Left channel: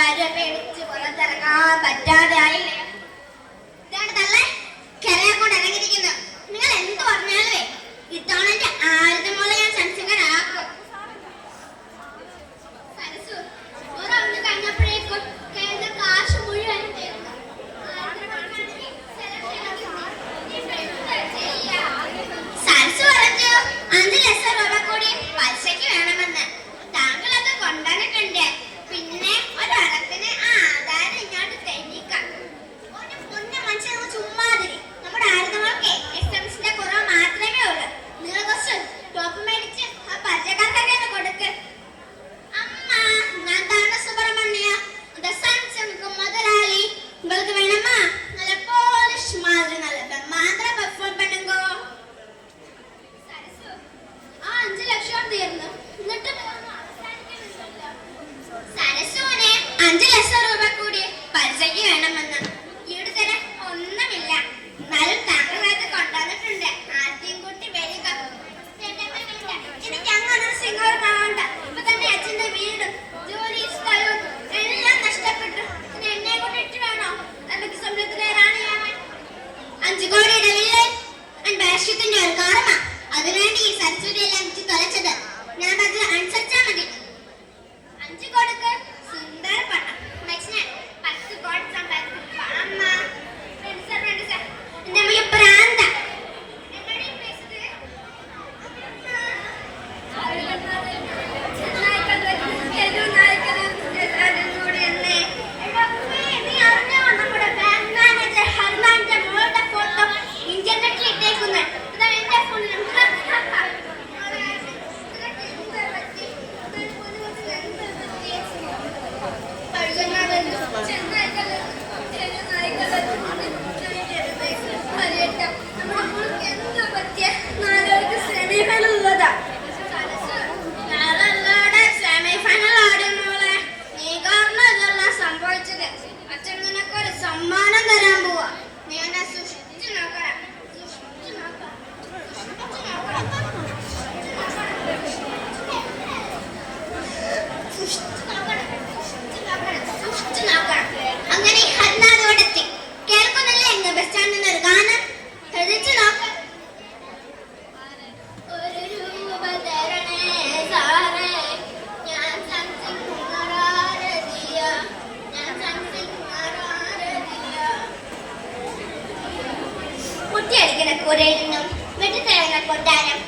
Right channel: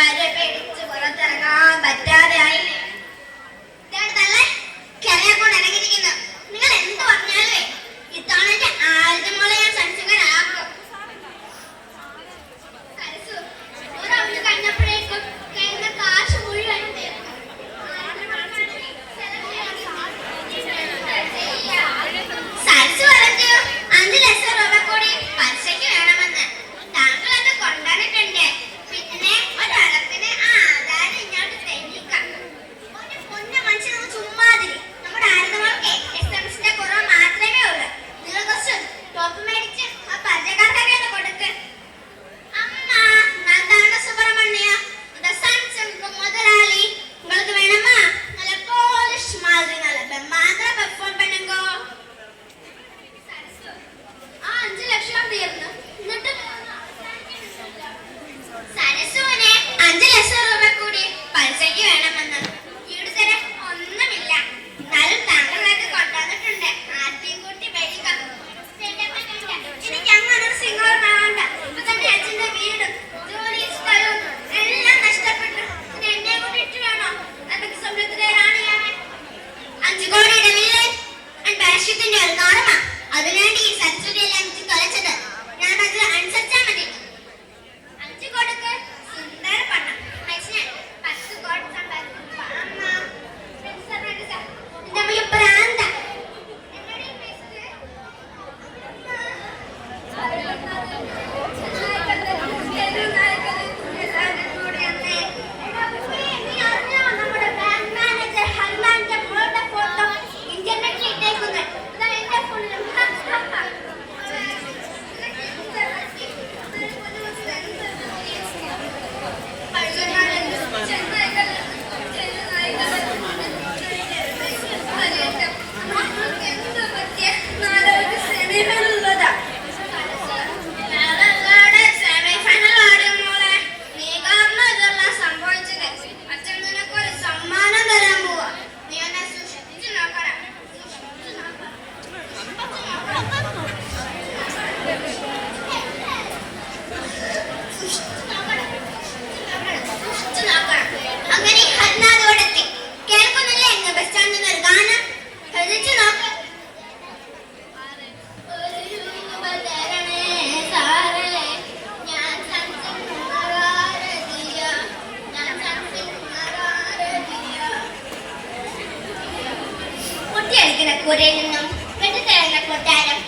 കരമേടിച്ച് പുറത്തിറങ്ങാൻ പറ്റാ കിടക്കൂരയിൽ നിന്നും വിട്ടു കൊട്ടാരം